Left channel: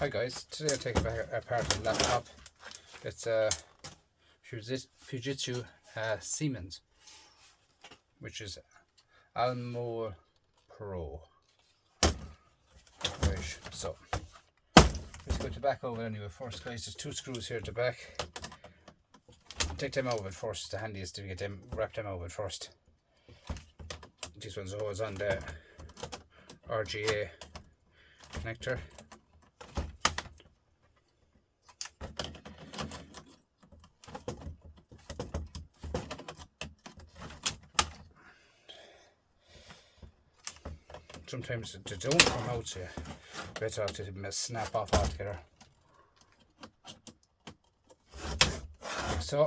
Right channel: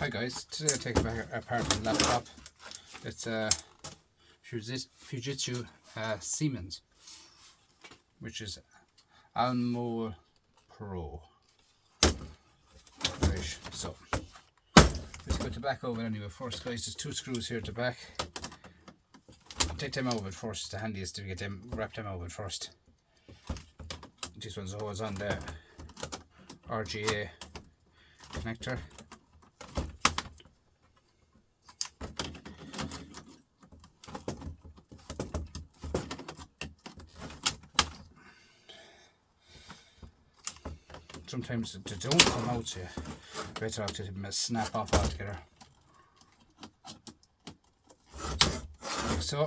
Hi guys, today I'll take apart the laptop. It's a Fujitsu Siemens, which is Almo Pro. Right, so let's put the back of it anyway first, guys. There's 2 screws here at the back. Take them out of it first. It's the handiest to get them, wrap them out of it first. This one's always on the RGA connector. Sometimes they don't come out, so you better have to snap off altogether. So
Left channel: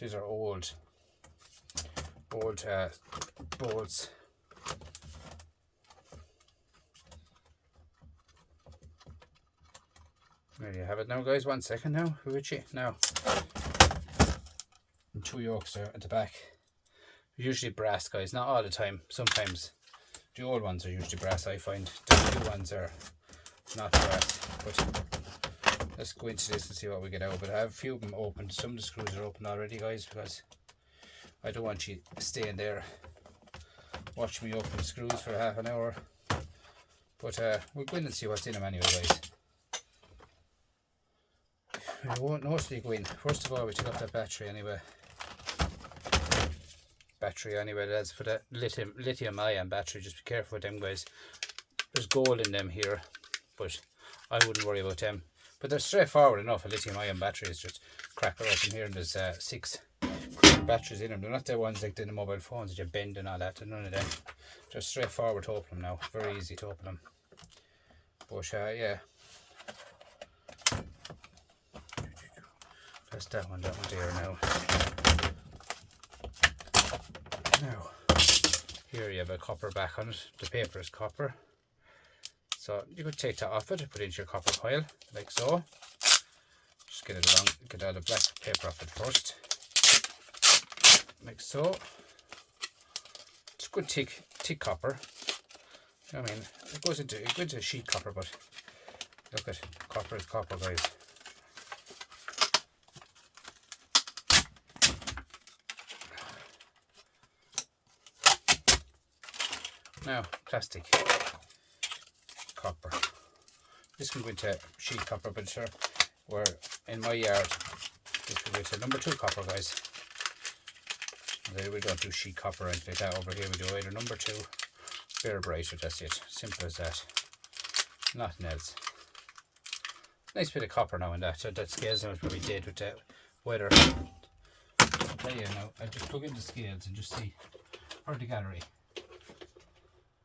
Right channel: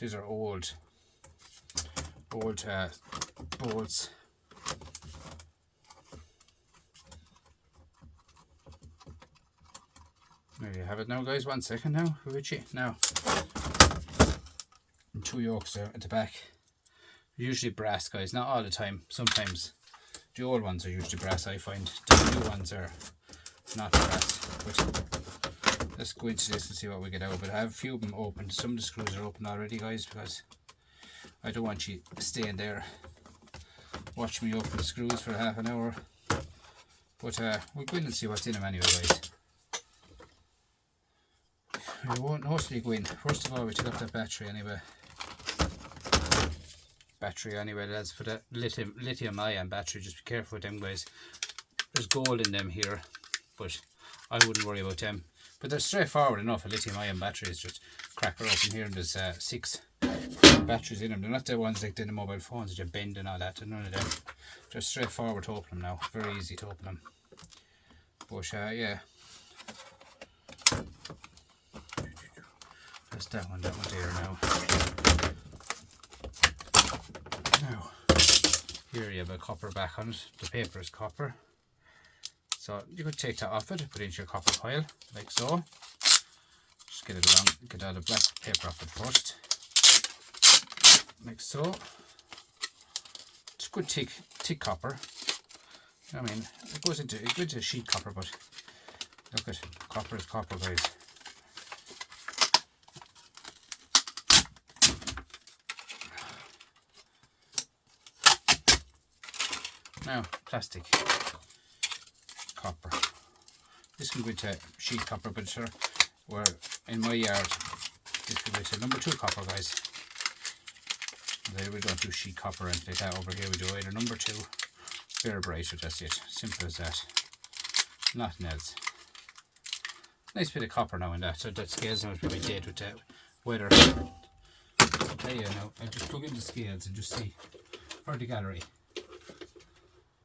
these are old bolts. There you have it now, guys. 1 second now, Fuji. Now, and 2 yokes there at the back. Usually brass, guys. Not all the time. Sometimes the old ones are usually brass. I find the new ones are not brass. But let's go into this and see what we get out. But I have a few of them open. Some of the screws are open already, guys, because I don't want you staying there watch me open the screws for half an hour. But we'll go in and see what's in them anyway, guys. We won't mostly go in. First of all, we take off that battery anyway. That's for the lithium ion battery. Just be careful with them, guys. There's gold in them here, but I wouldn't worry about them. But they're straightforward enough. A lithium ion battery is just crack her open here, and there's 6 batteries in them. They're not the ones like the mobile phones that you bend and all that. They're none of them. They're straightforward to open them now. Very easy to open them. But yeah, that's that one there now. Now, here you have a copper back on it. The paper is copper. So you could take that off it and put it into your copper pile, like so. Just get it along, get all the black paper off it first. Like so. It's good thick copper. I mean, it goes into sheet copper, but look at copper is copper, guys. Now, plastic copper. This can go into sheet copper, but sure, where in my yard, this can go into number 2 copper, guys. We don't do sheet copper or anything like that. Over here we do either number 2, very brighter, that's it. Simple as that. Nothing else. Nice bit of copper now and that. So that scales now is probably dead with that weather. I'll tell you now, I just plug in the scales and just see for the gallery.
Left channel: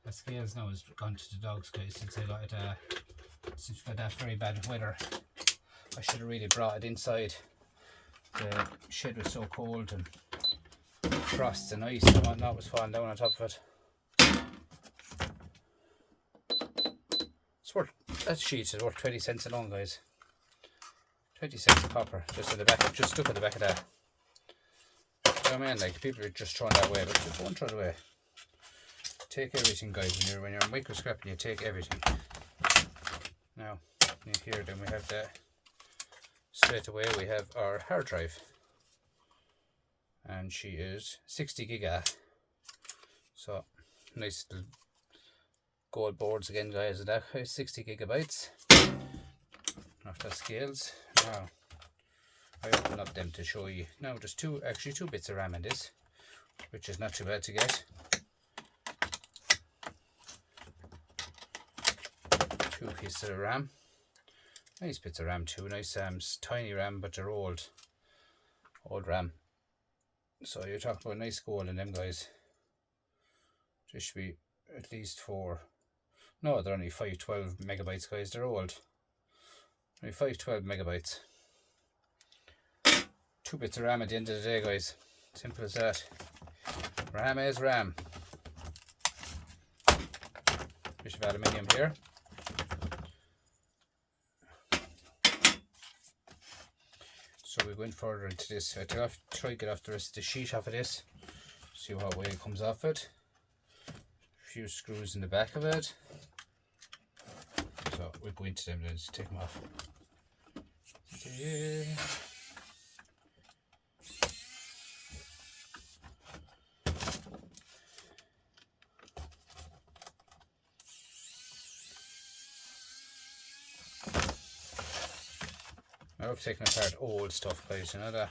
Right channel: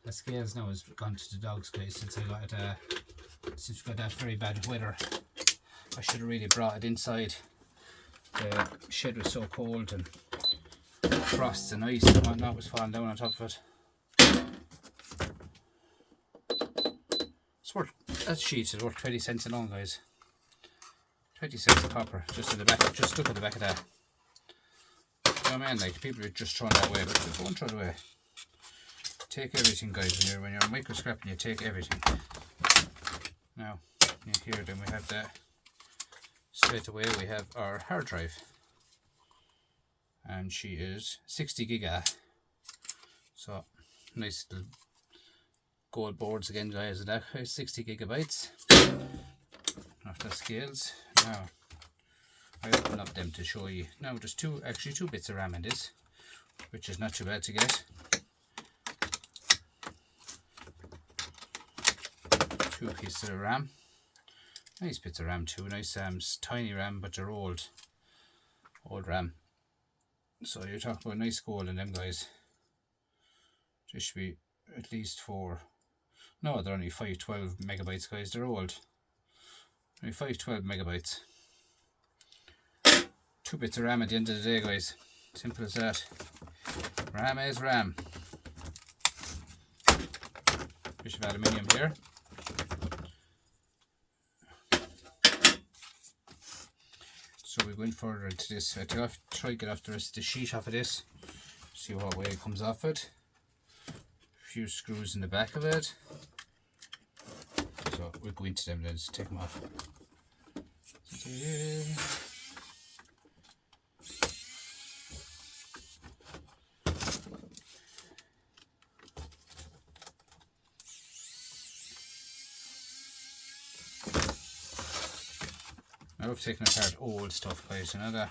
The scales now has gone to the dogs, guys, since we got that very bad weather. I should have really brought it inside. The shed was so cold, and frost and ice and whatnot was falling down on top of it. It's worth, that sheet is worth 20 cents alone, guys. 20 cents of copper, just in the back, just stuck at the back of that. You know what I mean? Like, people are just throwing that away, but don't throw it away. Take everything, guys, when you're micro scrapping, you take everything. Now, in here then we have that. Straight away we have our hard drive. And she is 60 giga. So, nice little gold boards again, guys, and that 60 gigabytes. After scales. Now, I open up them to show you. Now, there's actually two bits of RAM in this, which is not too bad to get. 2 pieces of RAM. Nice bits of RAM too. Nice tiny RAM, but they're old RAM. So you're talking about nice gold in them, guys. There should be at least 4. No, they're only 512 megabytes, guys. They're old. Only 512 megabytes. 2 bits of RAM at the end of the day, guys. Simple as that. RAM is RAM. bit of aluminium here. So we went further into this. I have to try to get off the rest of the sheet off of this. See what way it comes off it. A few screws in the back of it. So we'll go into them then, just take them off. I love taking apart old stuff, guys, you know that?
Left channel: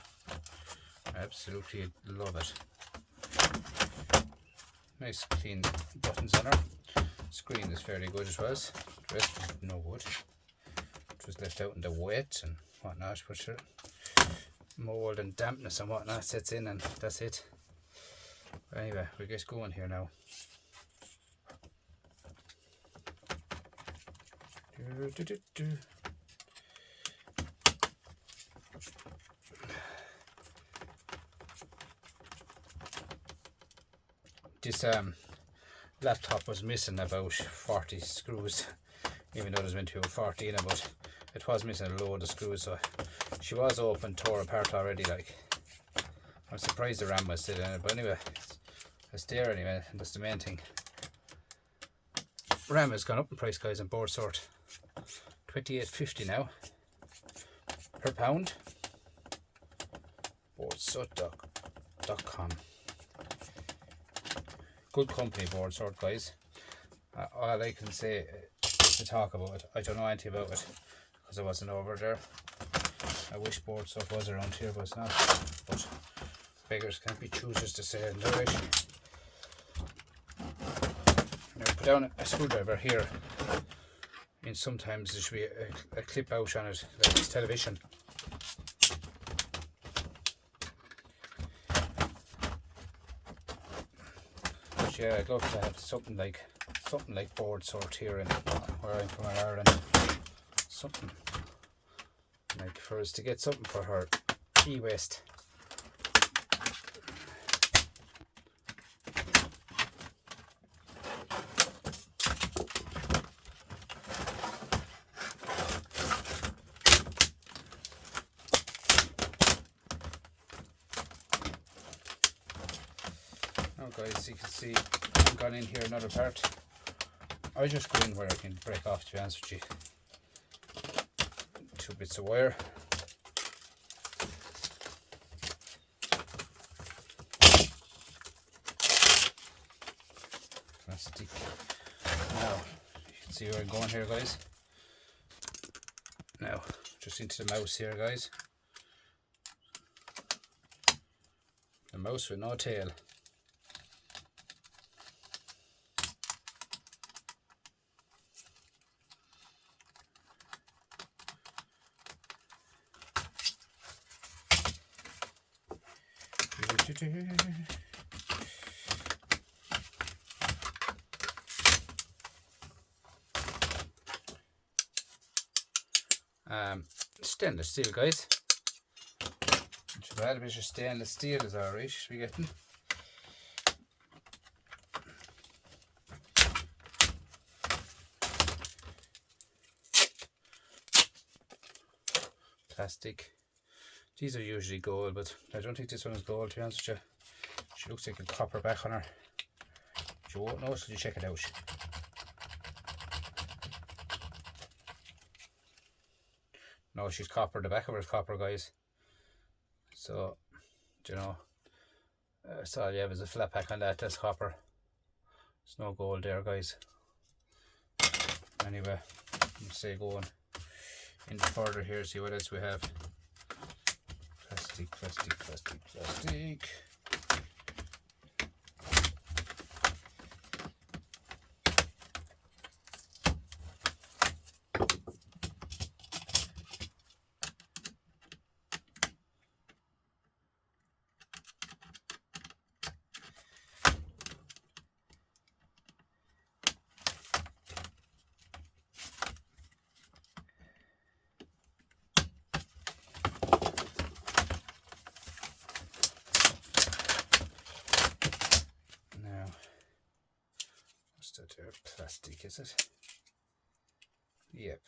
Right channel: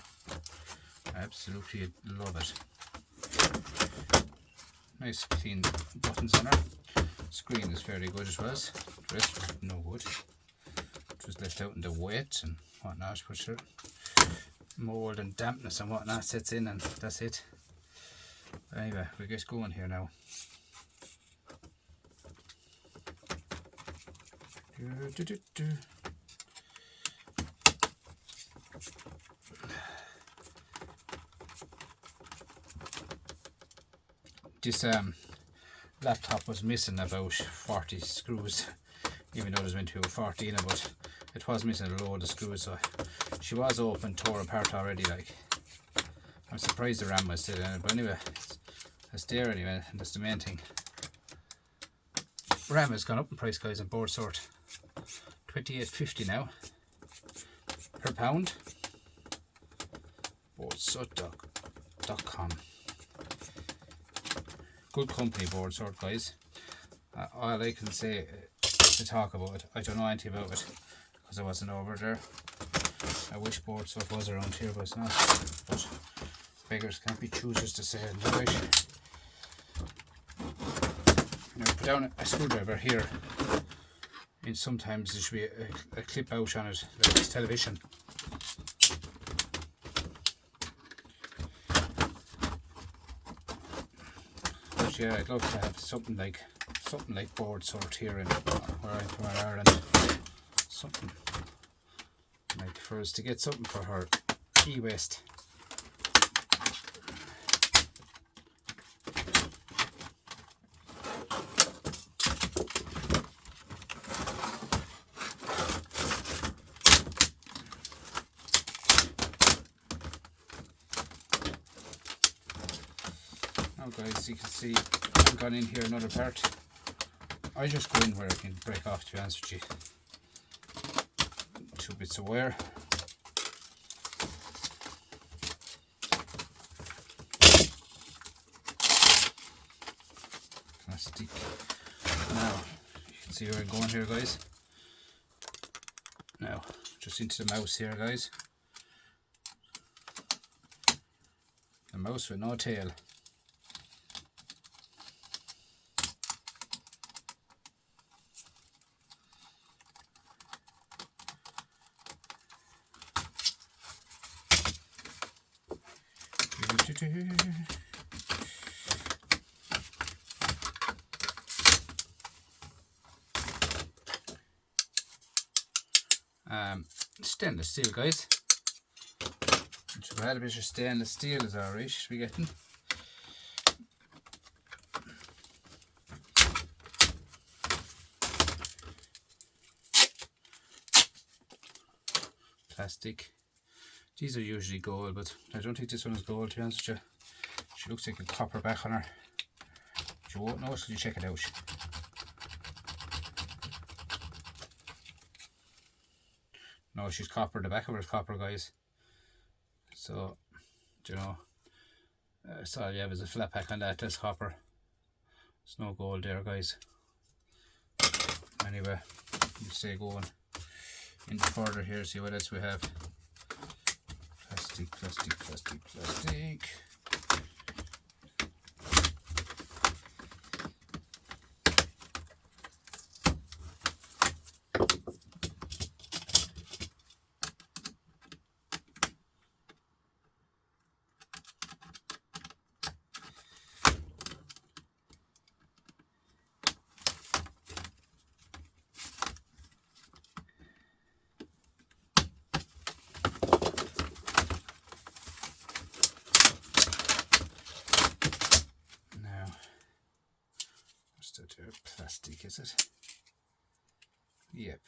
I absolutely love it. Nice clean buttons on her. Screen is fairly good as well. The rest was no good. It was left out in the wet and whatnot, but sure, mold and dampness and whatnot sets in and that's it. But anyway, we'll get going here now. This laptop was missing about 40 screws, even though there's meant to be about 14 of it. It was missing a load of screws, so she was open, tore apart already. Like, I'm surprised the RAM was still in it, but anyway, it's there anyway, and that's the main thing. RAM has gone up in price, guys, on board sort. $28.50 now per pound. Boardsort.com. Good company, board sort, guys. All I can say to talk about it, I don't know anything about it because I wasn't over there. I wish board sort was around here, but it's not. But beggars can't be choosers to say it, right? Now put down a screwdriver here, and sometimes there should be a clip out on it, like this television. Yeah, I'd love to have something like board sort here in where I'm from, in Ireland. Something like for us to get something for her e-waste. Now guys, you can see I've gone in here another part. I just go in where I can break off, to be honest with you. 2 bits of wire. Plastic. Now, you can see where I'm going here, guys. Now, just into the mouse here, guys. The mouse with no tail. Stainless steel, guys. A bit of stainless steel is alright. We getting. Plastic. These are usually gold, but I don't think this one is gold, to be honest with you. She looks like a copper back on her. You won't know until you check it out. No, she's copper. The back of her is copper, guys. So, you know, that's all you have is a flat pack on that. That's copper. There's no gold there, guys. Anyway, let's stay going into further here, see what else we have. Plastic, plastic, plastic, plastic. that plastic, is it? Yep.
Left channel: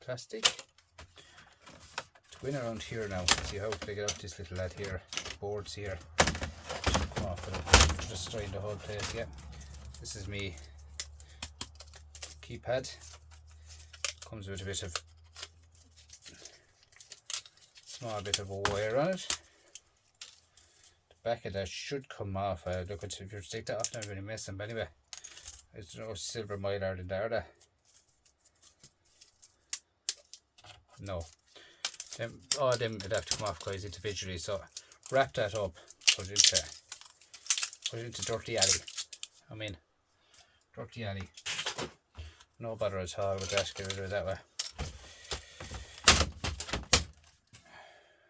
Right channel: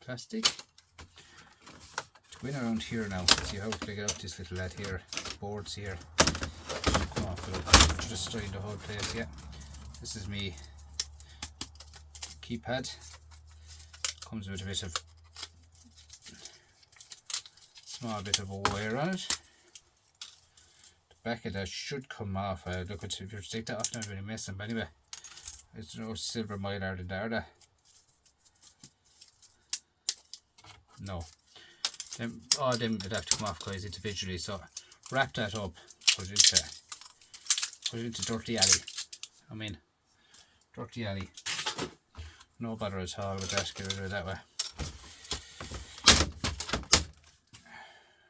Plastic. To go in around here now, see how to get out this little lad here, boards here. Come off without destroying the whole place. Yeah. This is me keypad. Comes with a bit of small bit of a wire on it. The back of that should come off. Look, if you take that off, not really messing, but anyway, there's no silver mylar in there. No, all them would have to come off, guys, individually. So wrap that up, put it into dirty alley. I mean, dirty alley. No bother at all with that. Get rid of it that way.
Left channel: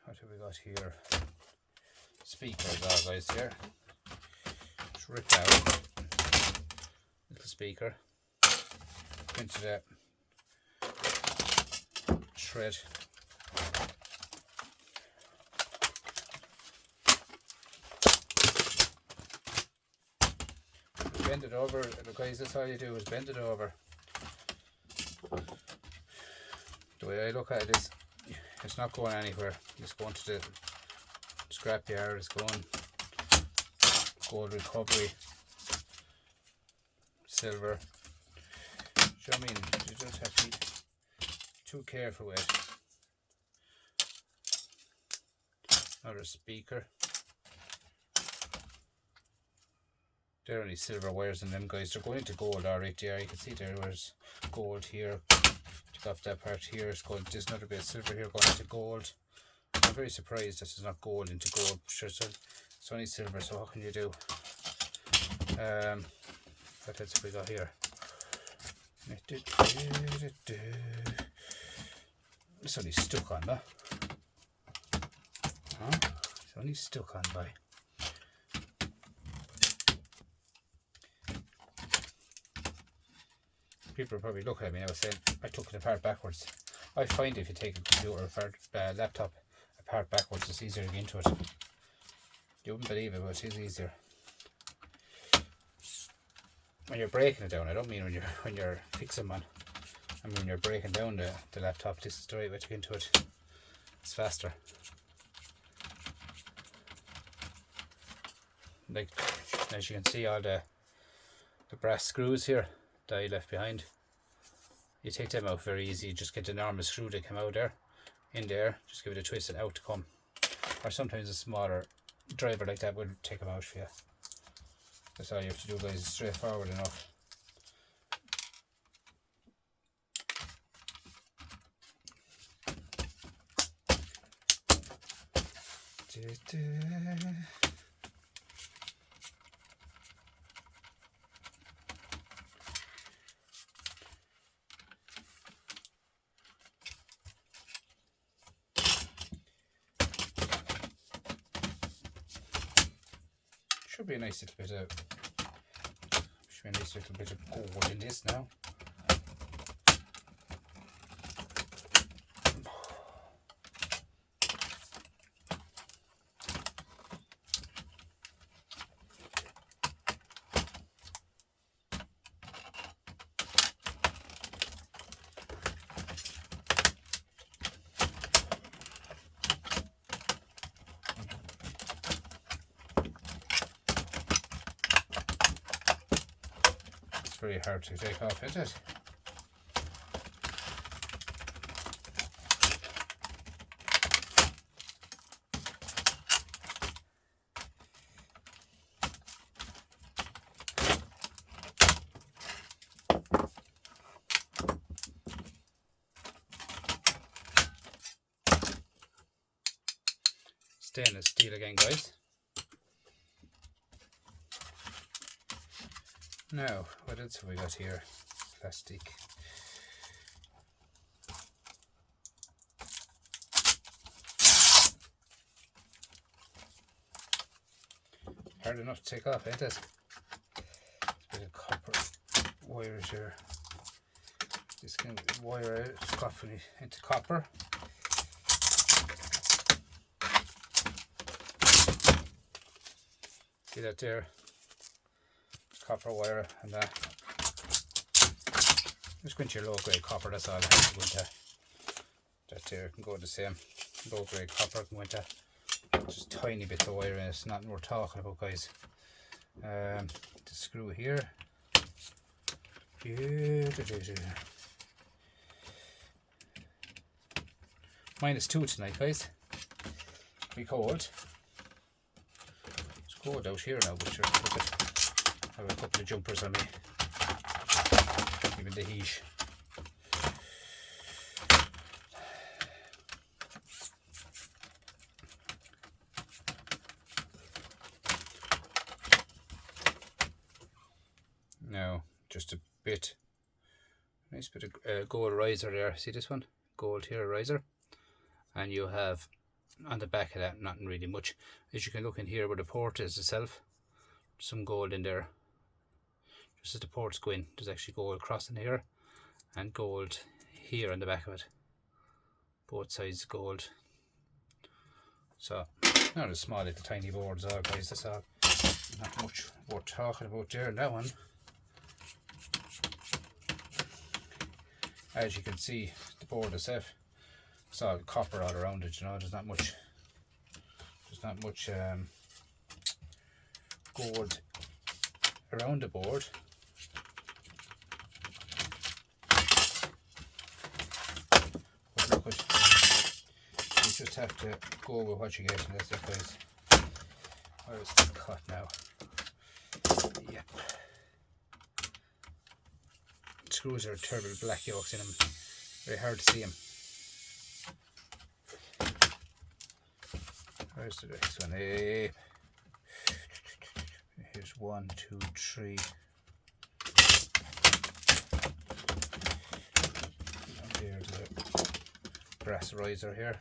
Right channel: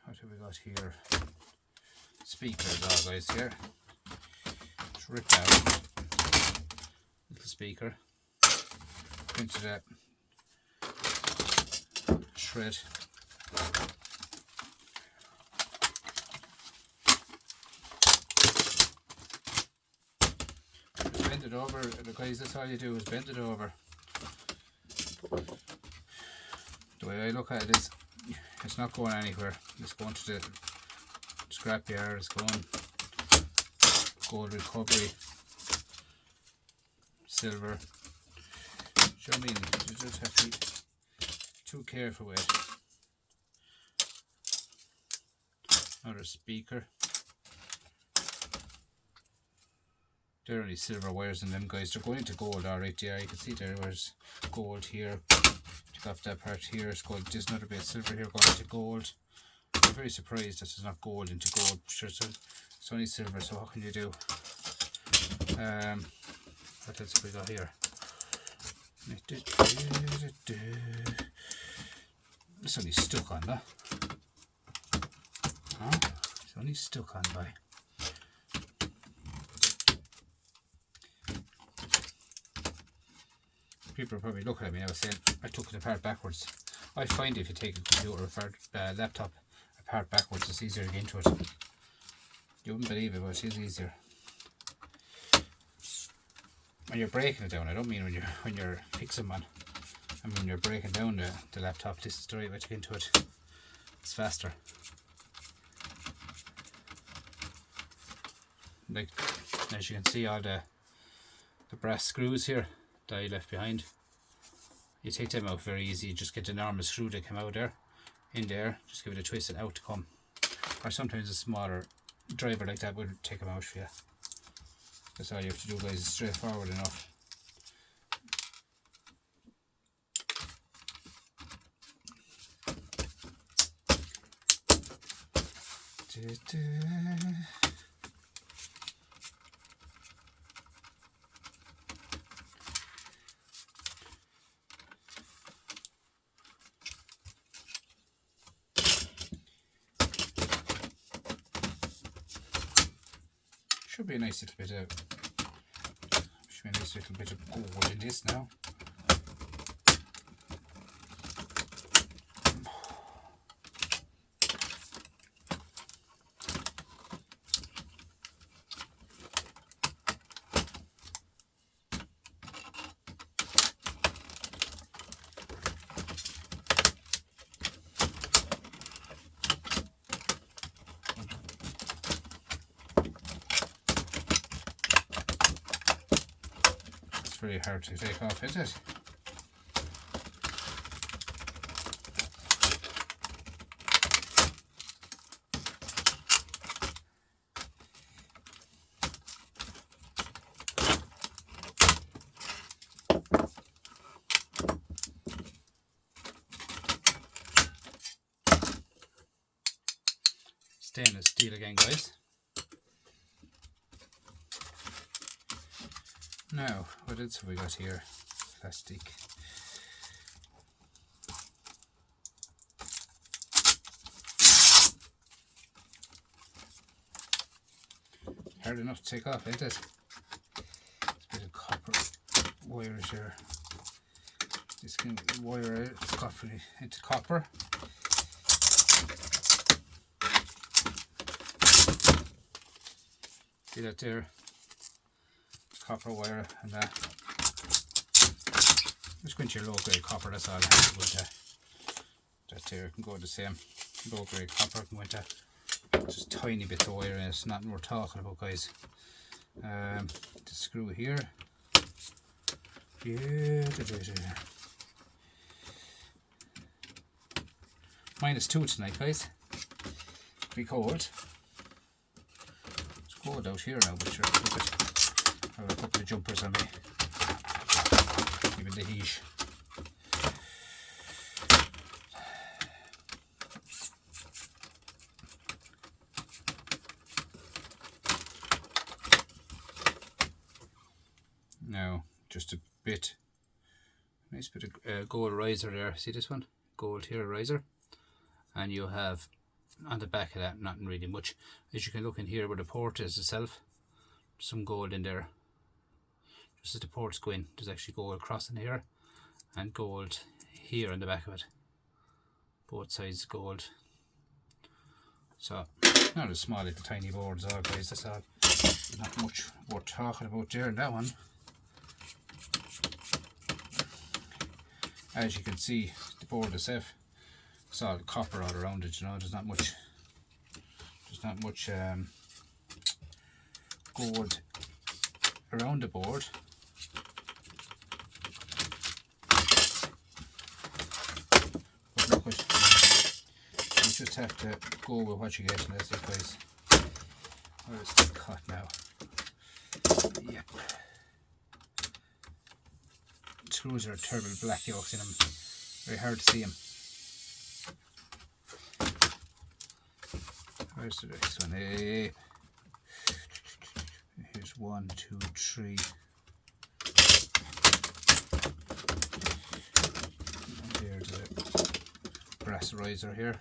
What have we got here? Speakers, all guys, here. Just rip out little speaker into that shred. Bend it over, guys. That's all you do, is bend it over. The way I look at it is, it's not going anywhere. It's going to the scrapyard. It's going gold recovery, silver. Do you know what I mean? You just have to be too careful with it. Another speaker. There are only silver wires in them, guys. They're going into gold, alright. Yeah, you can see there's gold here. Take off that part here. It's gold. There's another bit of silver here going into gold. I'm very surprised that it's not gold into gold. Sure, it's only silver, so what can you do? What else have we got here? It's only stuck on that. Huh? It's only stuck on by. People are probably looking at me now saying I took it apart backwards. I find if you take a computer or laptop apart backwards, it's easier to get into it. You wouldn't believe it, but it is easier. When you're breaking it down, I don't mean when you're fixing one. I mean when you're breaking down the laptop, this is the right way to get into it. It's faster. Like, as you can see, all the brass screws here that I left behind, you take them out very easy. You just get the normal screw that came out there, in there, just give it a twist and out to come. Or sometimes a smaller driver like that would take them out for you. That's all you have to do, guys. It's straightforward enough. Should be a nice little bit of gold in this now. Very hard to take off, isn't it? Stainless steel again, guys. Now, what else have we got here? Plastic. Hard enough to take off, ain't it? It's a bit of copper wires here. This can wire it into copper. See that there? copper wire and that. Just go into your low grade copper, that's all I have to go into. That here can go the same. Low grade copper can go into just tiny bits of wire in it, it's nothing we're talking about, guys. The screw here. -2 tonight, guys. Be cold. It's cold out here now, but sure, look at, I have a couple of jumpers on me. Even the heat. Now, just a bit, nice bit of gold riser there. See this one? Gold here riser. And you have on the back of that nothing really much. As you can look in here where the port is itself, some gold in there. Just as the ports go in, there's actually gold crossing here and gold here on the back of it. Both sides gold. So not a small little tiny boards all, guys, that's all. Not much worth talking about there in that one. As you can see, the board itself, it's all copper all around it, you know, there's not much gold around the board. But look, you just have to go with what you get in this, guys. Where is the cut now? Yep. Screws are terrible black yolks in them, very hard to see them. Where's the next one? Here's 1, 2, 3. And here's a brass riser here.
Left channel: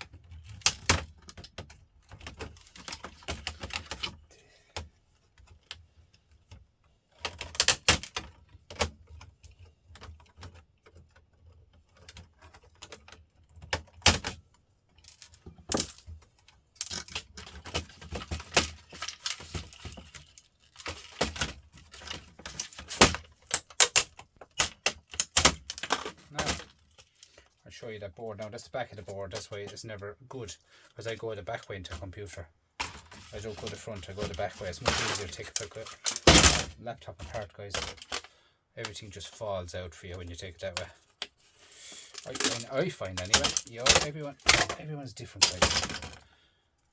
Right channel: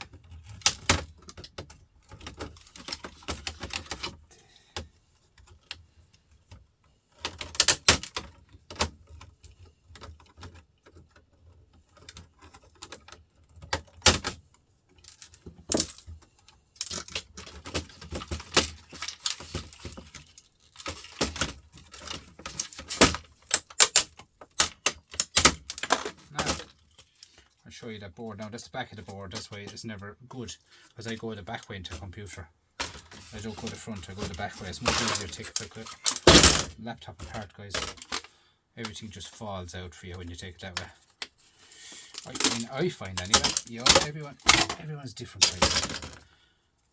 Show you that board now. That's the back of the board, that's why it's never good, because I go the back way into a computer. I don't go the front, I go the back way. It's much easier to take a laptop apart, guys. Everything just falls out for you when you take it that way. I find anyway. You know, everyone's different, guys.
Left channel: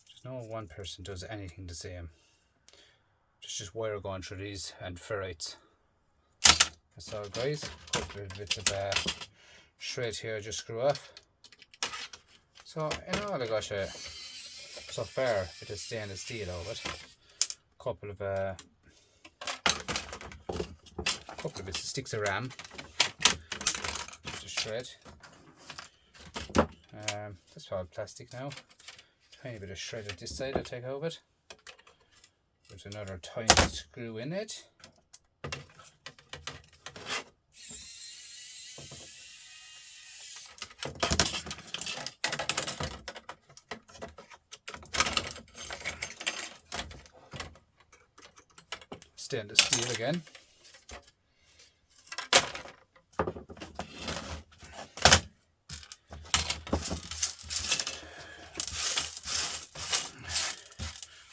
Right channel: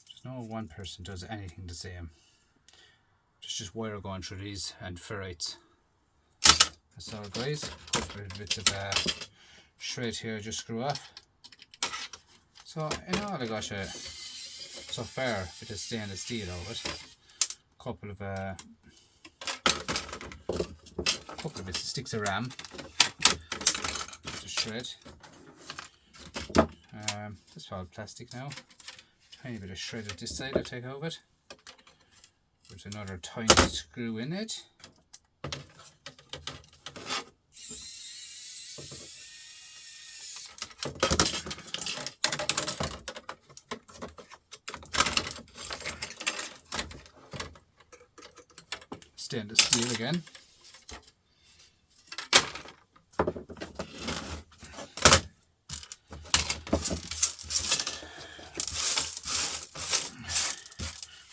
There's no one person does anything the same. There's just wire going through these and ferrites. That's all, guys. Couple of bits of shred here, just screw off. So in all, I got so far with the stainless steel of it. Couple of bits of sticks of RAM. Just shred. That's all plastic now. Tiny bit of shred at this side. I'll take out of it. There's another tiny screw in it. Stainless steel again.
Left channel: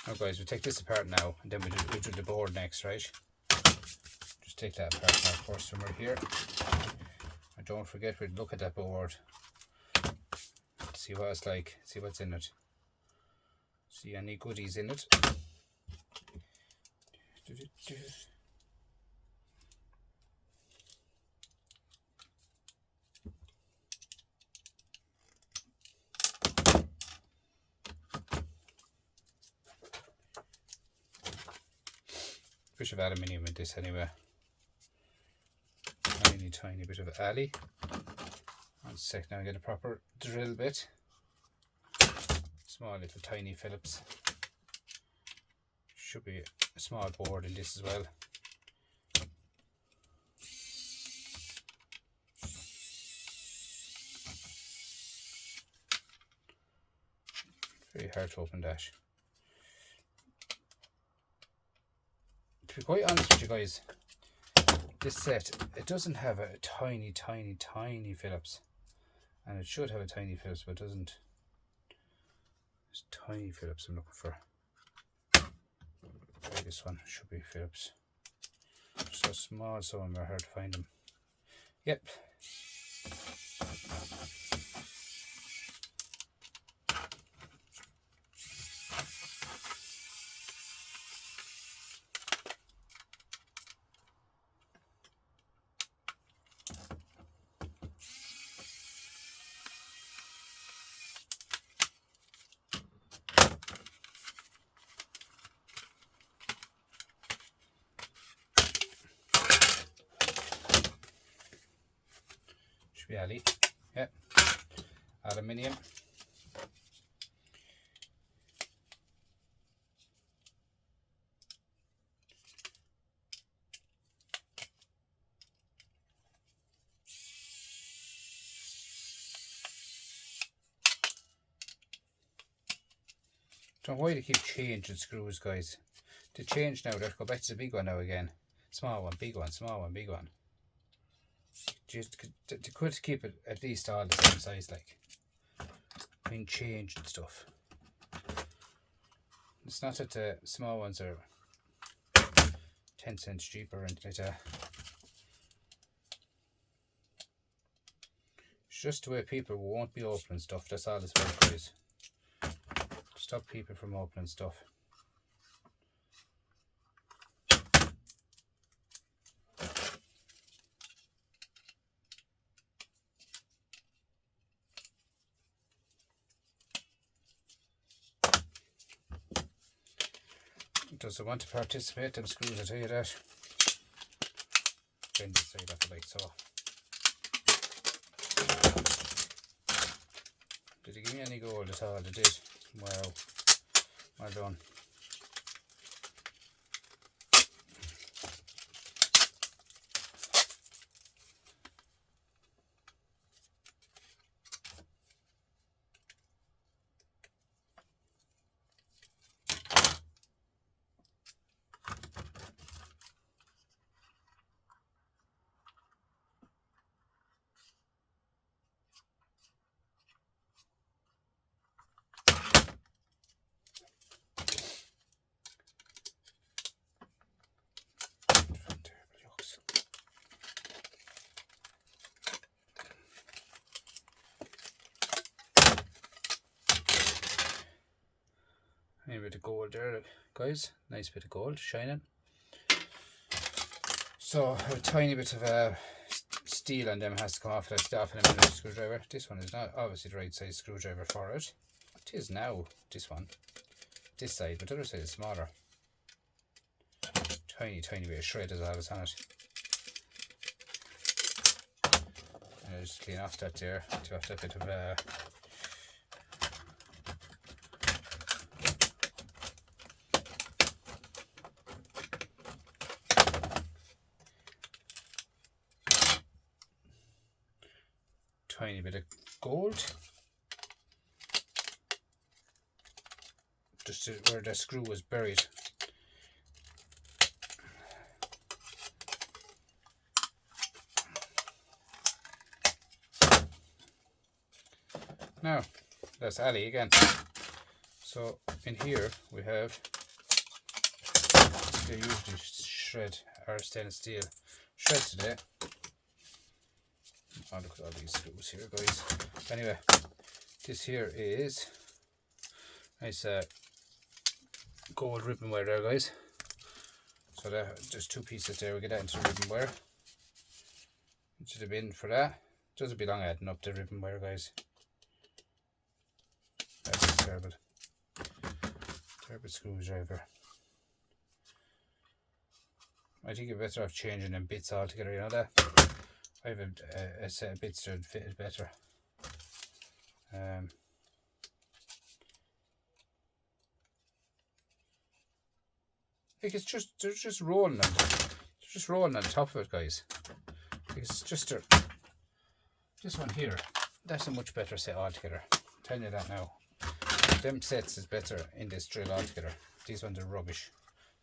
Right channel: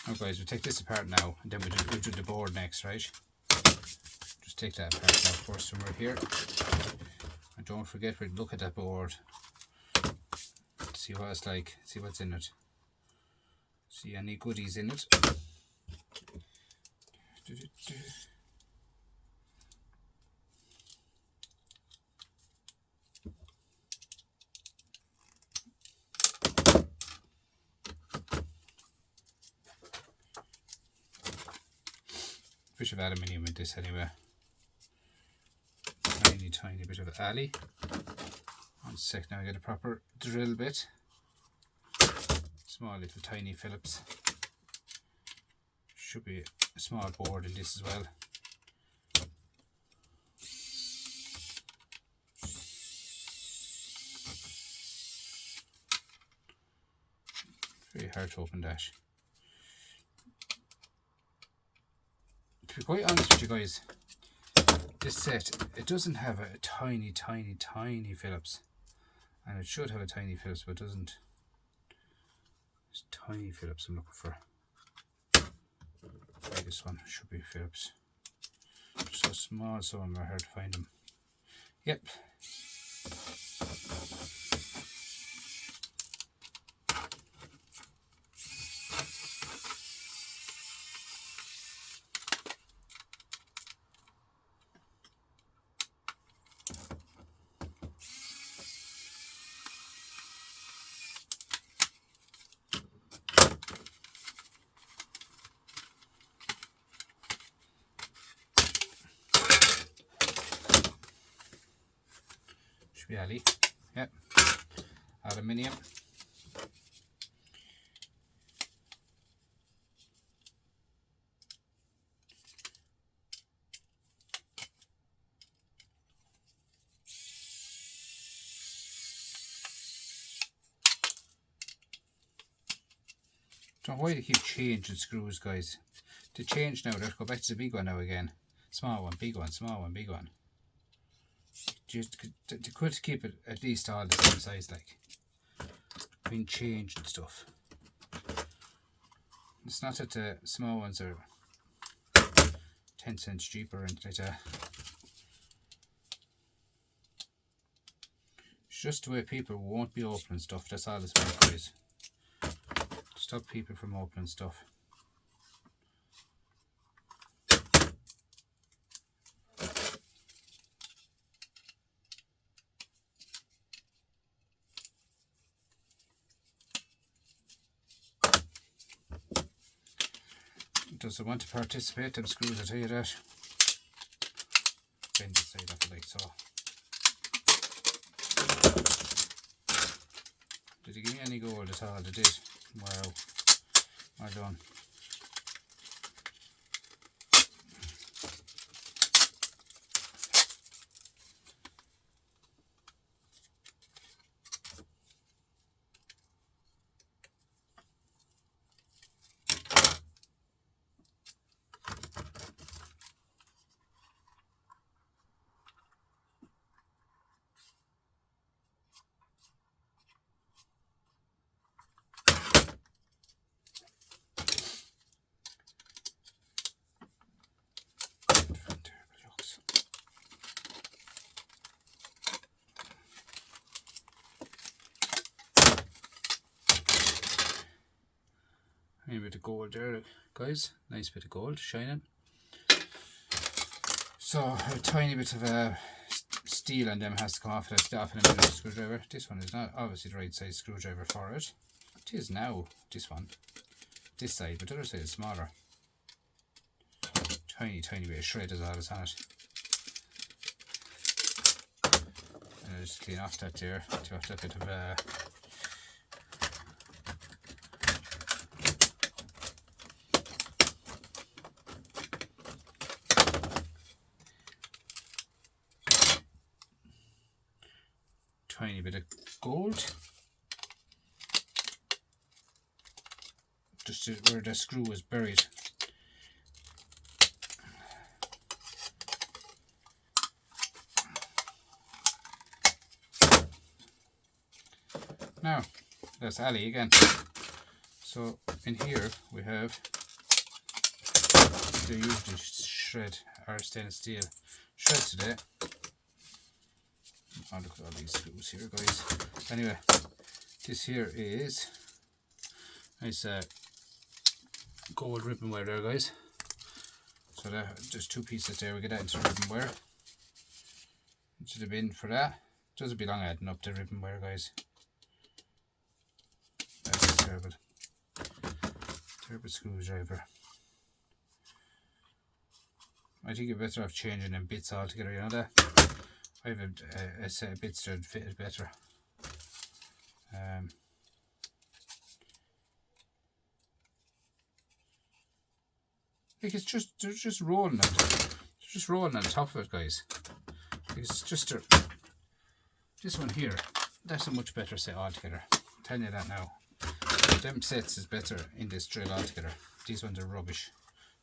Now guys, we'll take this apart now and then we'll do the board next, right? Just take that apart now first when we're here. And don't forget, we'll look at that board. See what it's like, see what's in it. See any goodies in it. Bit of aluminium in this anyway. Tiny bit of alley. One sec, now I get a proper drill bit. Small little tiny Phillips. Should be a small board in this as well. Very hard to open that. To be quite honest with you guys, this set, it doesn't have a tiny Phillips, and it should have a tiny Phillips, but it doesn't. It's tiny Phillips I'm looking for. This one should be Phillips. So small, so I'm hard to find them. Yep. Should be Ali. Yep. Aluminium. Don't know why they keep changing screws, guys. They change now. Let's go back to the big one now again. Small one, big one, small one, big one. Just they could keep it at least all the same size, like. Being changed and stuff. It's not that the small ones are 10 cents cheaper or anything like that. It's just the way people won't be opening stuff. That's all it's about, guys. Stop people from opening stuff. Doesn't want to participate, them screws, I tell you that. Bend this side off like so. Did he give me any gold at all? They did. Wow. Well done. A bit of gold there, guys. Nice bit of gold shining. So a tiny bit of steel on them has to come off. That's off in a minute screwdriver. This one is not obviously the right size screwdriver for it. It is now, this one. This side, but the other side is smaller. Tiny bit of shred is all that's on it. And I'll just clean off that there to have that bit of tiny bit of gold, just where the screw was buried. Now that's Ali again. So in here we have, they usually shred our stainless steel shred today. Oh, look at all these screws here, guys. Anyway, this here is nice gold ribbon wire there, guys. So that, just two pieces there. We get that into the ribbon wire. Into the bin for that. Doesn't be long adding up the ribbon wire, guys. That's terrible. Terrible screwdriver. I think you're better off changing them bits altogether, you know that? I have a set of bits that would fit it better. Like they're just rolling on the top of it, guys. It's just this one here. That's a much better set altogether. I'm telling you that now. Them sets is better in this drill altogether. These ones are rubbish.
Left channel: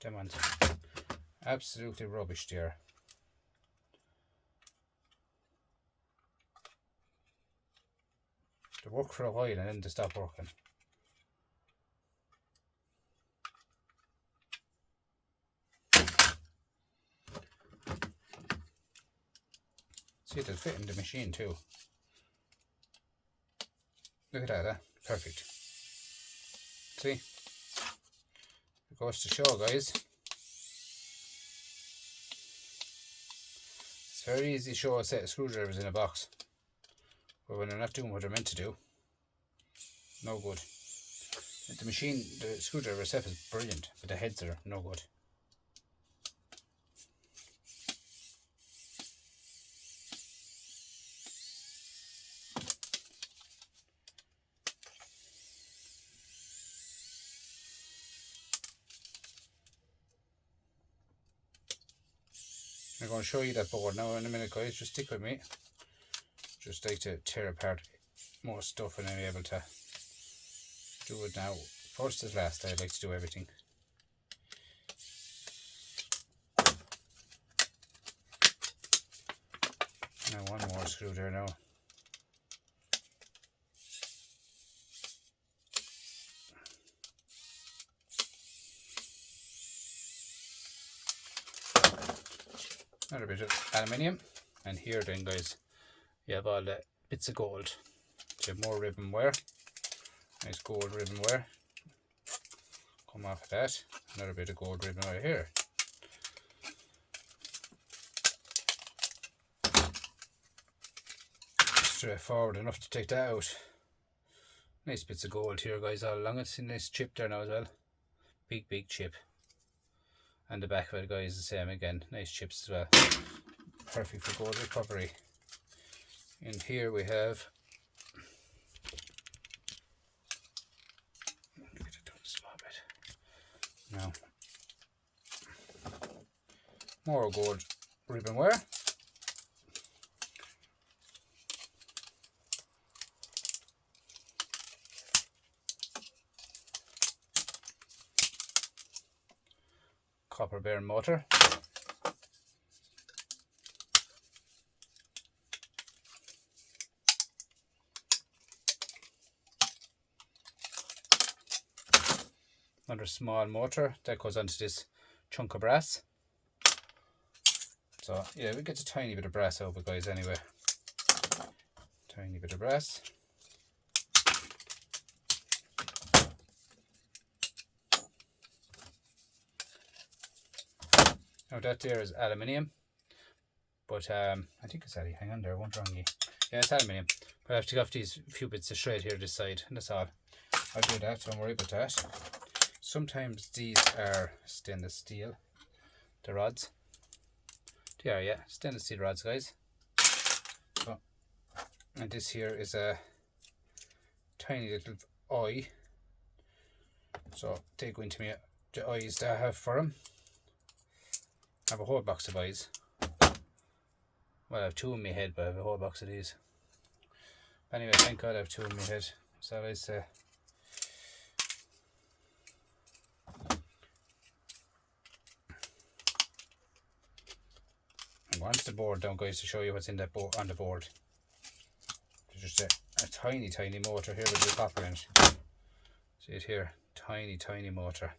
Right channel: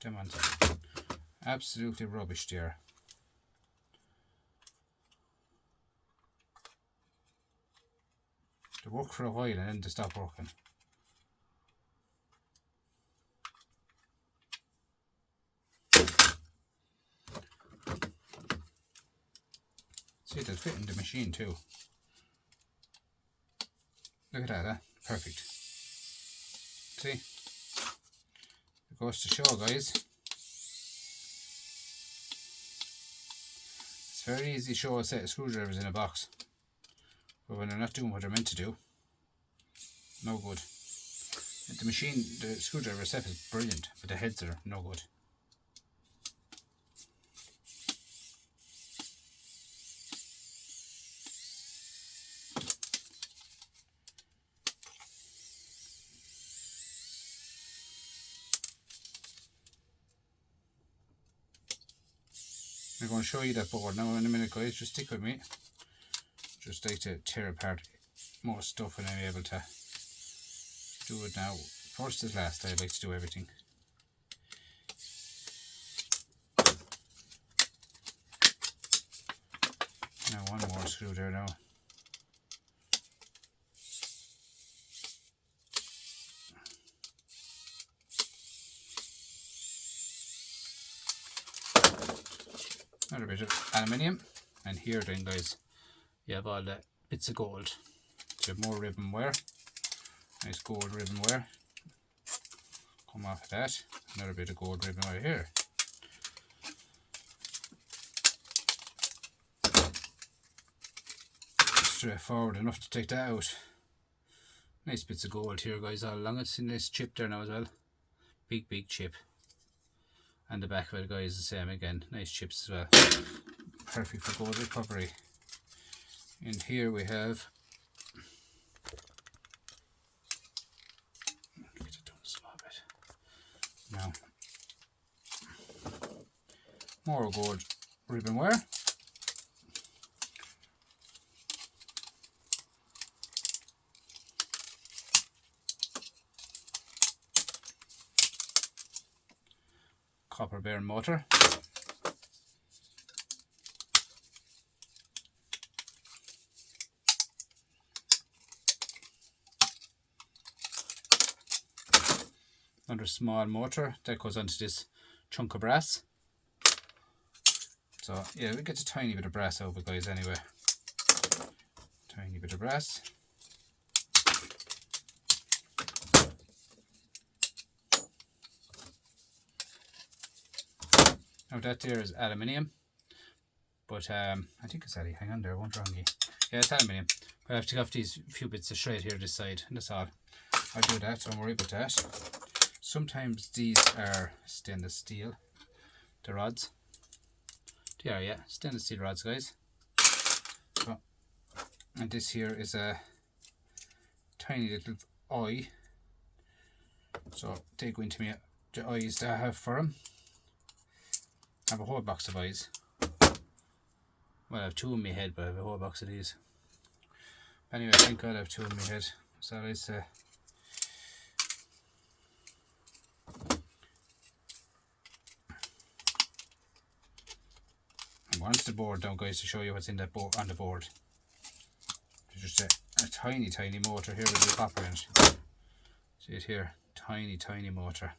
Them ones are absolutely rubbish there. They work for a while and then they stop working. See, it'll fit in the machine too. Look at that, huh? Perfect. See? It goes to show, guys. It's very easy to show a set of screwdrivers in a box. But when they're not doing what they're meant to do, no good. The machine, the screwdriver itself is brilliant, but the heads are no good. I'm going to show you that board now in a minute, guys. Just stick with me. Just like to tear apart more stuff and I'm able to do it now. First is last, I like to do everything. Now one more screw there now. Another bit of aluminium, and here then, guys, you have all the bits of gold. So you have more ribbon wire, nice gold ribbon wire. Come off of that, another bit of gold ribbon wire here. Straightforward enough to take that out. Nice bits of gold here, guys, all along it. See this chip there now as well. Big chip. And the back of it, guys, the same again. Nice chips as well. Perfect for gold recovery. In here we have, get it down a small bit. Now, more gold ribbon wire. Copper bearing motor. Another small motor that goes onto this chunk of brass. So yeah, we get a tiny bit of brass out of it, guys, anyway. Tiny bit of brass. Now that there is aluminium, but I think it's aluminium. Hang on there, I won't wrong you. Yeah, it's aluminium. But I have to go off these few bits of shred here this side, and that's all. I'll do that, don't worry about that. Sometimes these are stainless steel, the rods. They are, yeah, stainless steel rods, guys. So, and this here is a tiny little eye. So they go into me, the eyes that I have for them. I have a whole box of eyes. Well, I have two in my head, but I have a whole box of these. Anyway, thank God I have two in my head. So I say. And once the board down, guys, to show you what's in that board on the board. There's just a tiny motor here with the copper in it. See it here, tiny motor.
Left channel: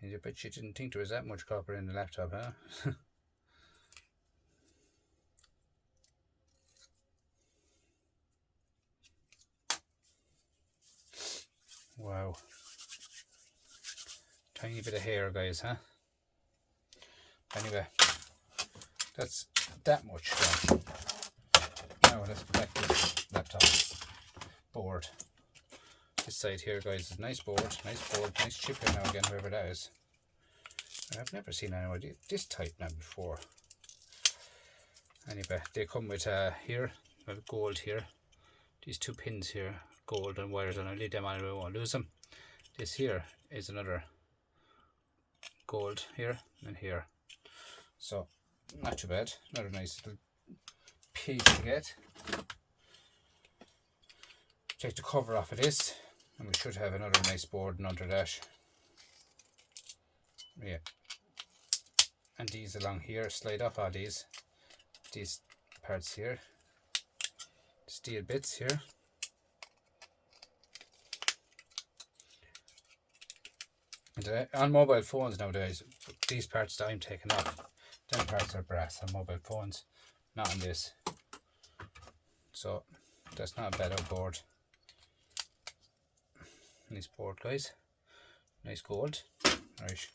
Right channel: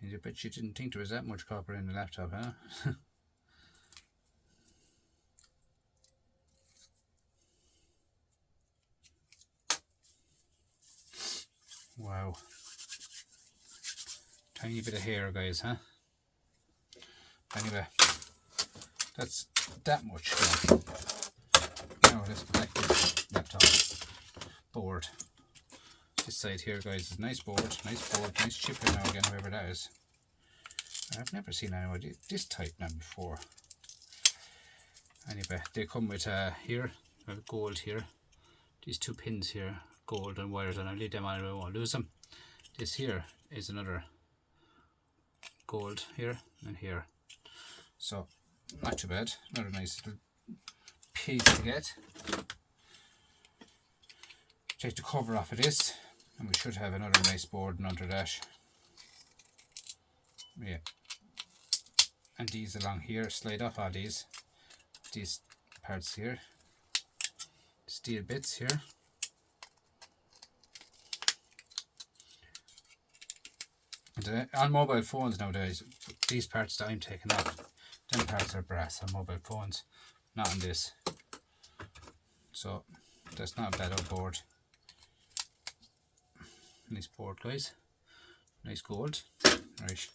And I bet you didn't think there was that much copper in the laptop, huh? Wow. Tiny bit of hair, guys, huh? Anyway, that's that much done. Now let's back this laptop board. This side here, guys, is nice board, nice chip in now again, whoever that is. I've never seen anyone this type now before. Anyway, they come with here, gold here. These two pins here, gold and wires, and I'll leave them on, I won't lose them. This here is another gold here and here. So, not too bad. Another nice little piece to get. Take the cover off of this. And we should have another nice board under that. Yeah. And these along here, slide off all these parts here. Steel bits here. And on mobile phones nowadays, these parts that I'm taking off, them parts are brass on mobile phones, not on this. So that's not a bad old board. Nice board, guys. Nice gold. Right,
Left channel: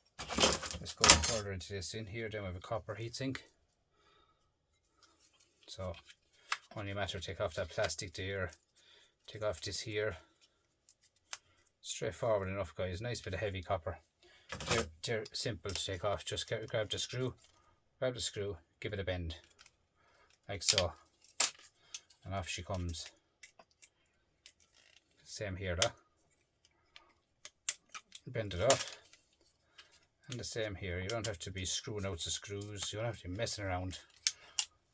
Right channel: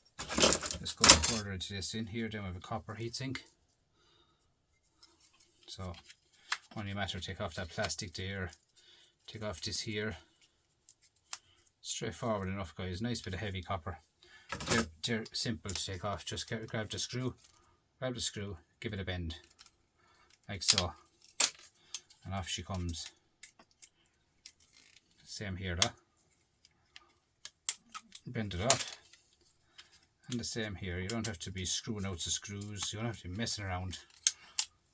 let's go further into this. In here then we have a copper heatsink. So only a matter of take off that plastic there, take off this here. Straightforward enough, guys. Nice bit of heavy copper. They're simple to take off. Just grab the screw, give it a bend like so, and off she comes. Same here, though. Bend it off, and the same here. You don't have to be screwing out the screws, you don't have to be messing around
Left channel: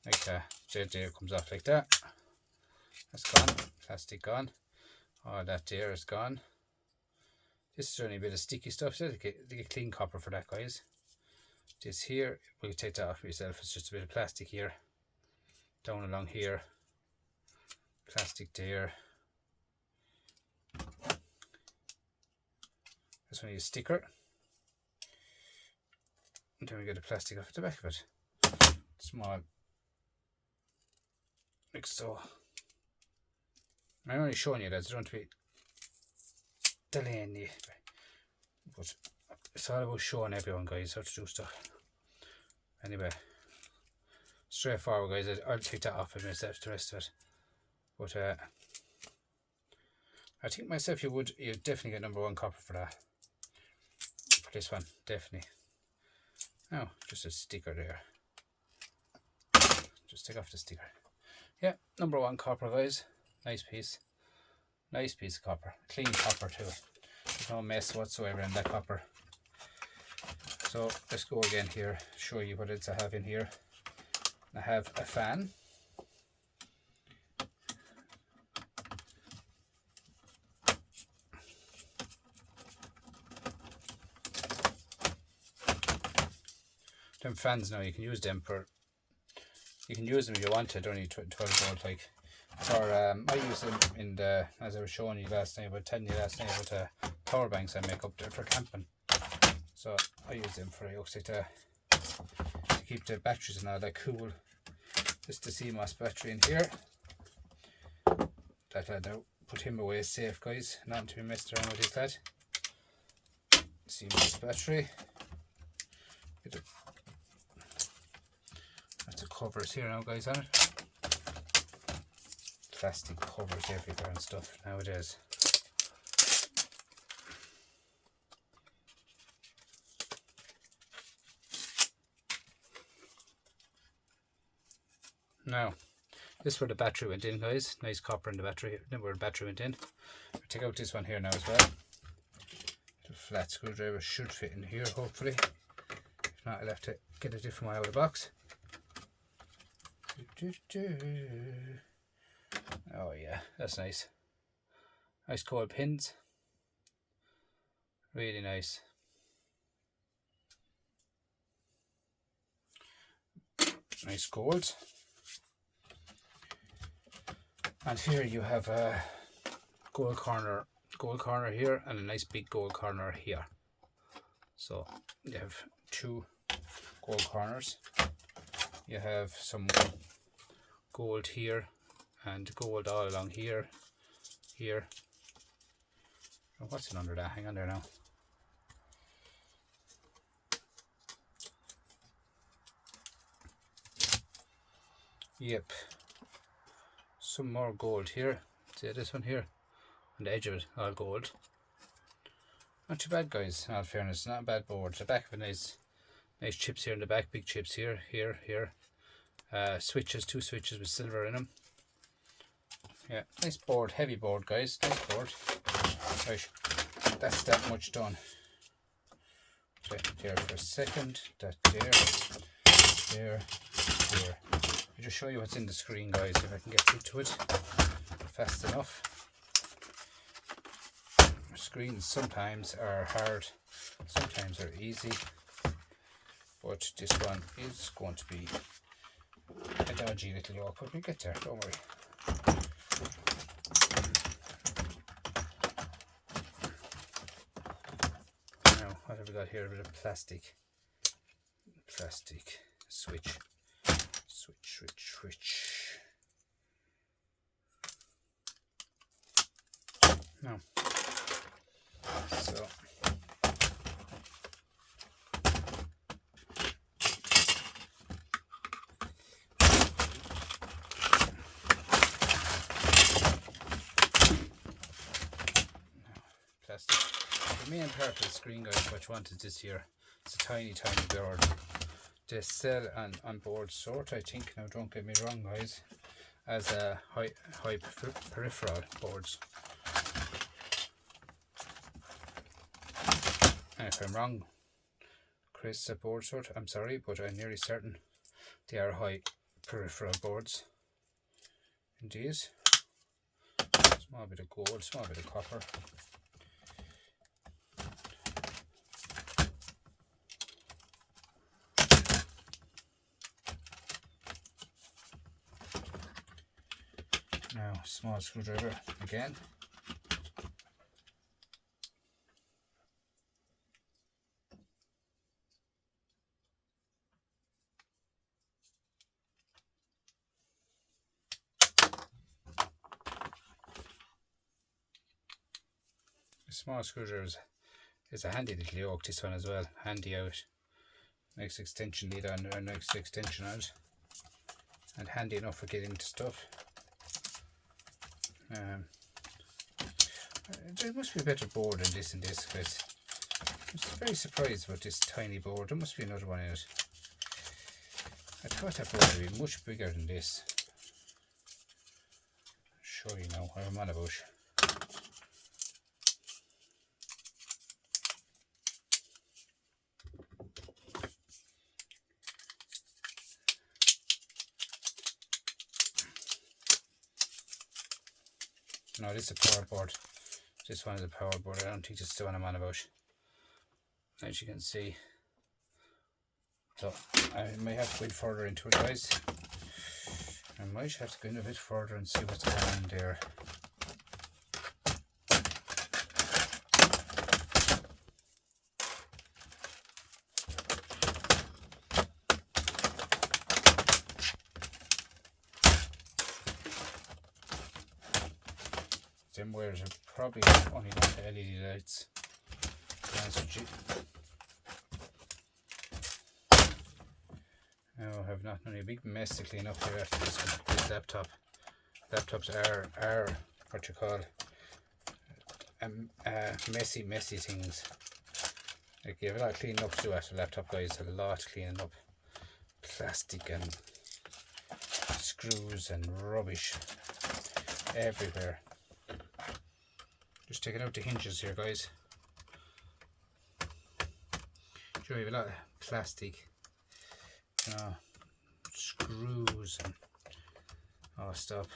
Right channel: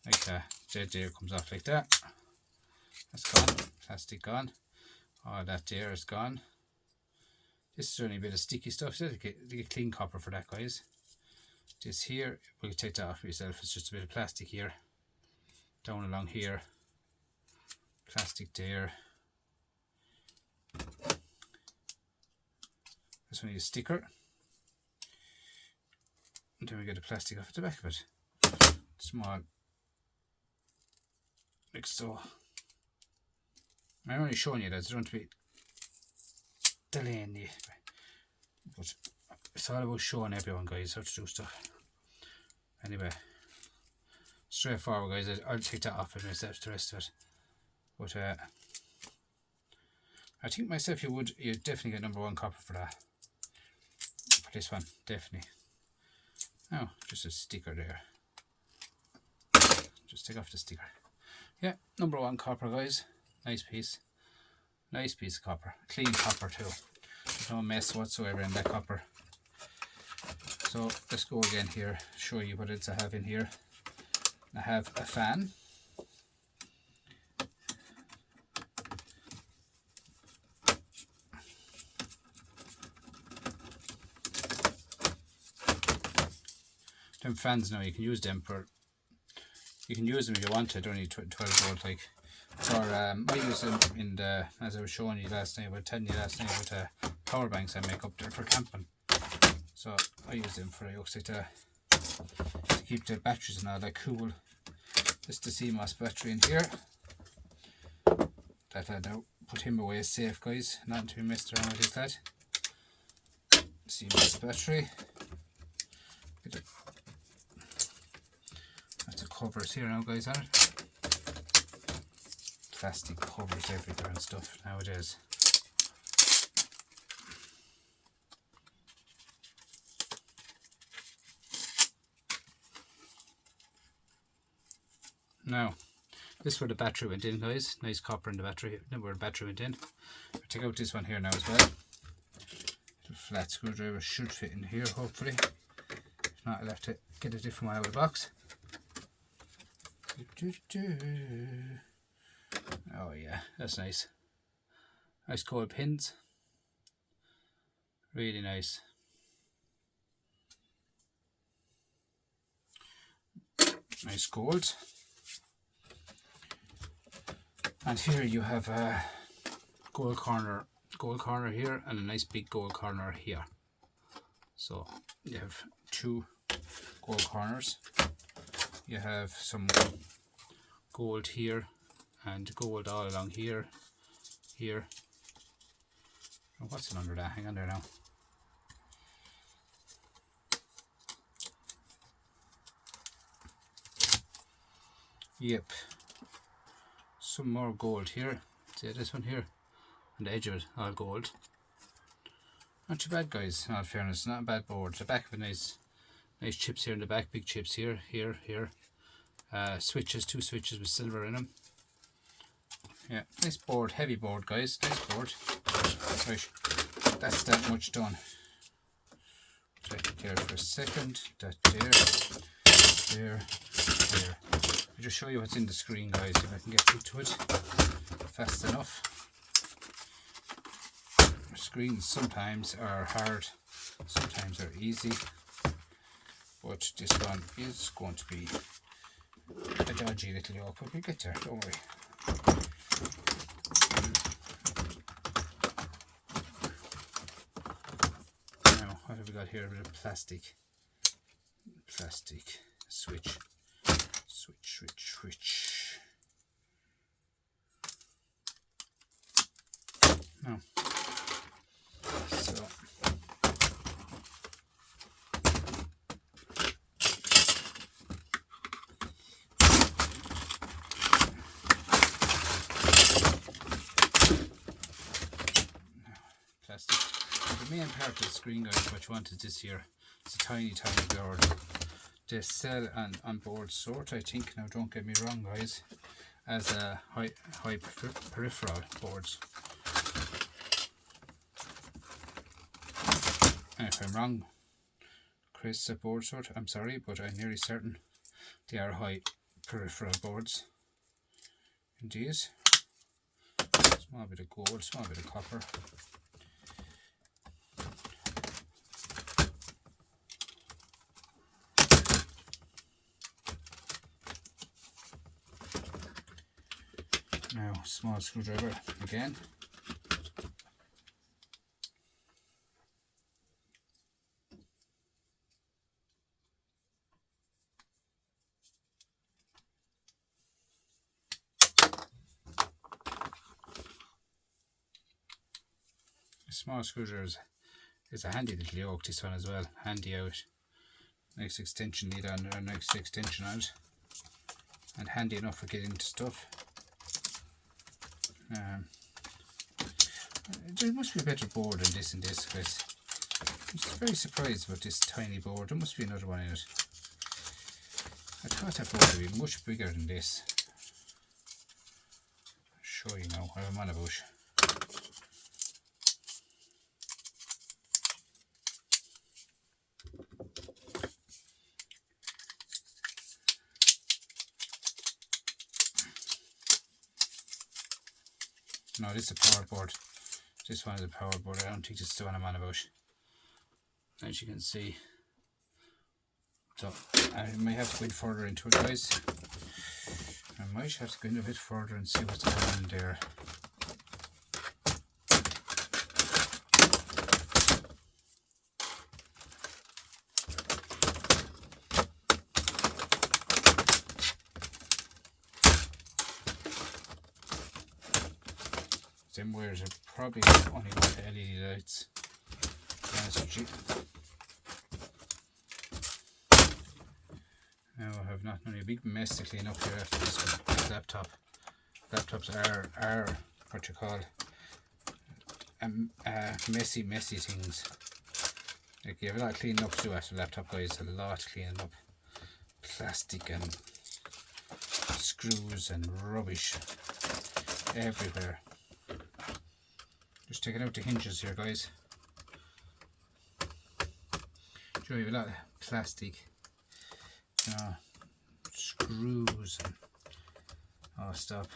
like that. There comes off like that. That's gone. Plastic gone. All that there is gone. This is only a bit of sticky stuff. So get clean copper for that, guys. This here, we'll take that off yourself. It's just a bit of plastic here, down along here, plastic there. This one is a sticker. And then we get the plastic off at the back of it. Small, like so. I'm only showing you that, so don't want to be delaying you. But it's all about showing everyone, guys, how to do stuff. Anyway, straightforward, guys. I'll take that off and myself, the rest of it. But I think myself you definitely get #1 copper for that. For this one, definitely. Oh, just a sticker there. Just take off the sticker. Yeah, #1 copper, guys. Nice piece. Nice piece of copper. Clean copper too. There's no mess whatsoever in that copper. So let's go again here, show you what else I have in here. I have a fan. Them fans now, you can use them if you want to. Don't need 12 volt like. Or I use them in the, as I was showing you last night, telling you last night with power banks I make up there for camping. So I use them for to keep the batteries and all that cool. This is the CMOS battery in here. That lad now, put him away safe, guys. Not to be messed around with this lad. CMOS battery. That's the covers here now, guys, on it. Plastic covers everywhere and stuff nowadays. Now, this is where the battery went in, guys. Nice copper in the battery. Then where the battery went in. I'll take out this one here now as well. The flat screwdriver should fit in here, hopefully. If not, I'll have to get a different one out of the box. Oh yeah, that's nice. Nice gold pins. Really nice. Nice gold. And here you have a gold corner here and a nice big gold corner here. So you have 2 gold corners. You have some gold here and gold all along here. Oh, what's it under that? Hang on there now. Yep. Some more gold here. See this one here? On the edge of it, all gold. Not too bad, guys, in all fairness. Not a bad board. The back of a nice chips here in the back, big chips here. Switches, 2 switches with silver in them. Yeah, nice board, heavy board, guys. Nice board. Right, that's that much done. Take it there for a second. That there. I'll just show you what's in the screen, guys, if I can get through to it fast enough. Screens sometimes are hard, sometimes are easy, but this one is going to be a dodgy little yoke, but we'll get there, don't worry. Now got here? A bit of plastic switch. No. So plastic. The main part of the screen, guys, what you want is this here. It's a tiny board. They sell on board sort, I think, now don't get me wrong guys, as a high peripheral boards. And if I'm wrong, Chris, at board sort, I'm sorry, but I'm nearly certain they are high peripheral boards. Indeed. Small bit of gold, small bit of copper. Now, small screwdriver again. A small screwdriver is a handy little yoke, this one as well. Handy out. Next extension lead on, or next extension out. And handy enough for getting into stuff. There must be a better board than this in this, guys. I'm very surprised about this tiny board. There must be another one in it. I thought that board would be much bigger than this. I'll show you now what I'm on about. No, this is a power board. This one is a power board. I don't think this is the one I'm on about. As you can see. So I may have to go further into it, guys. I might have to go in a bit further and see what's going on there. Them wires are probably only going to LED lights. Now I have not only a big mess to clean up here after this laptop. Laptops are what you call messy things. Like you have a lot of cleaning up to do after laptop, guys. A lot cleaning up. Plastic and screws and rubbish everywhere. Just taking out the hinges here, guys. Show you a lot of plastic, screws and all stuff.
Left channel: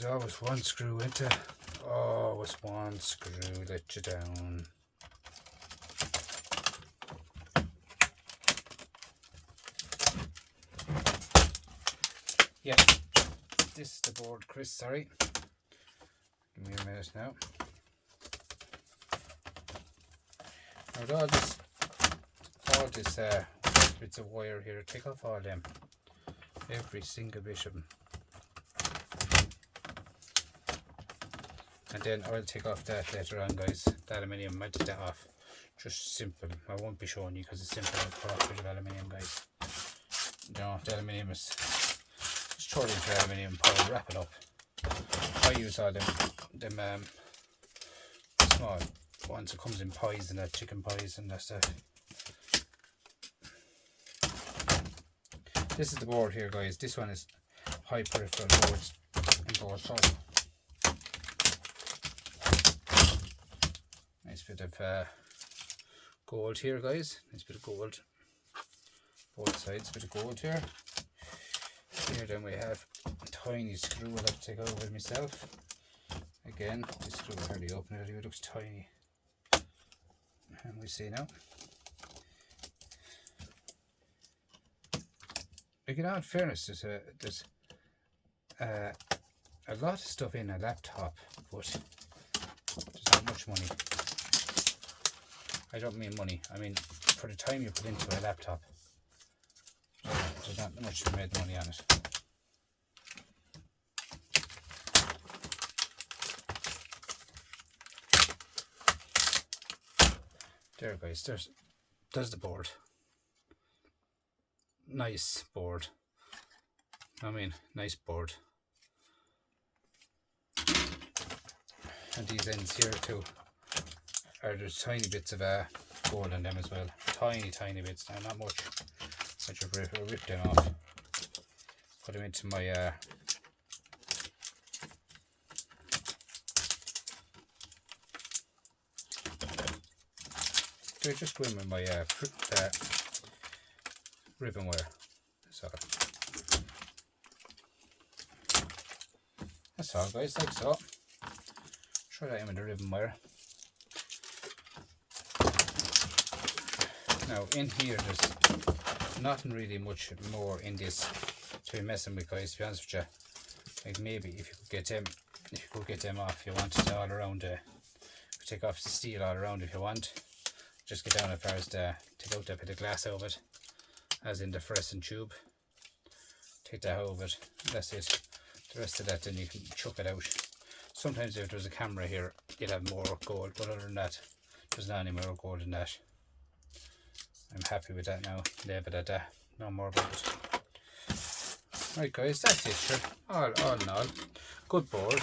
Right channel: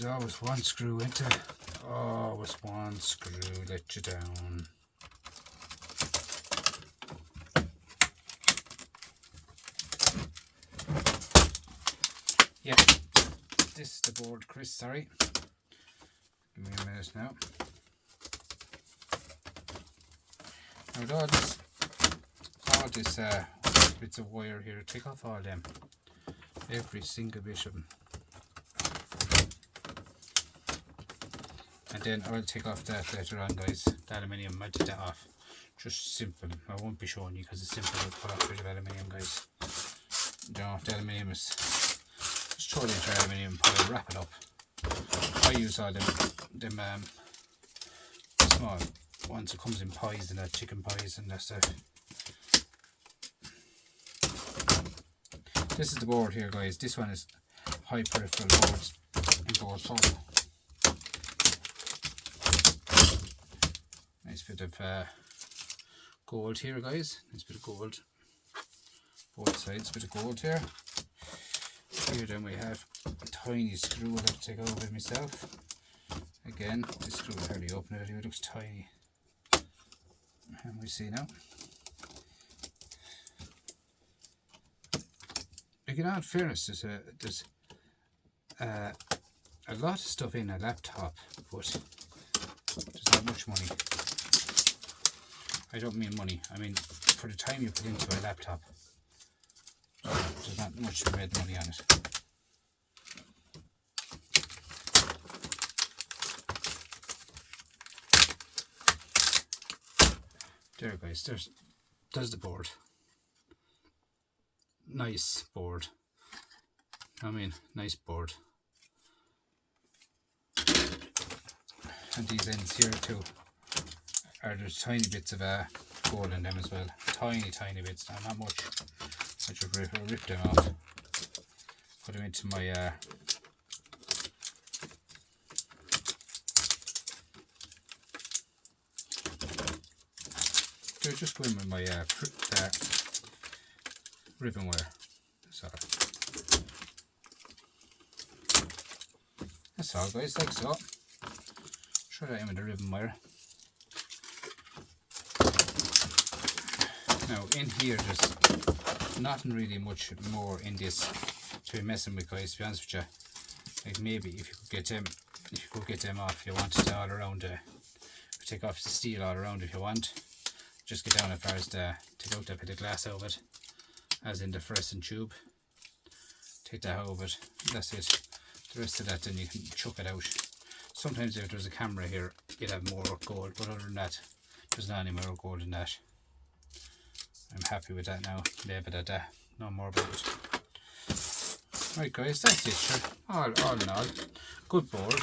There's always one screw into it. Always one screw let you down. Yeah, this is the board, Chris, sorry. Give me a minute now. Now with all this bits of wire here, take off all them. Every single bit of them. And then I'll take off that later on, guys. The aluminium, I did that off. Just simple. I won't be showing you because it's simple. I'll put off a bit of aluminium, guys. You know, if the aluminium is just throw it into the aluminium pile, wrap it up. I use all them small ones that comes in pies and that, chicken pies and that stuff. This is the board here, guys. This one is high peripheral boards in gold color. Nice bit of gold here, guys. Nice bit of gold. Both sides, bit of gold here. Here then we have a tiny screw I'll have to take over with myself. again. This screw will hardly open it, it looks tiny. And we see now. Like, in all fairness, there's a lot of stuff in a laptop, but there's not much money. I don't mean money, I mean for the time you put into a laptop, there's not much to make money on it. There guys, there's the board. Nice board. I mean, nice board. And these ends here too are just tiny bits of board in them as well. Tiny bits, now not much. I just rip them off. Put them into my they're just going with my ribbon wire. So that's all guys, like so. Try that in with the ribbon wire. Now in here there's nothing really much more in this to be messing with guys, to be honest with you. Like maybe if you could get them off, if you wanted all around take off the steel all around if you want. Just get down as far as take out that bit of glass out of it, as in the fluorescent tube. Take that out of it, that's it. The rest of that then you can chuck it out. Sometimes if there's a camera here you'll have more gold, but other than that there's not any more gold than that. I'm happy with that now, leave it at that, no more about it. Right guys, that's it sure. All in all, good board.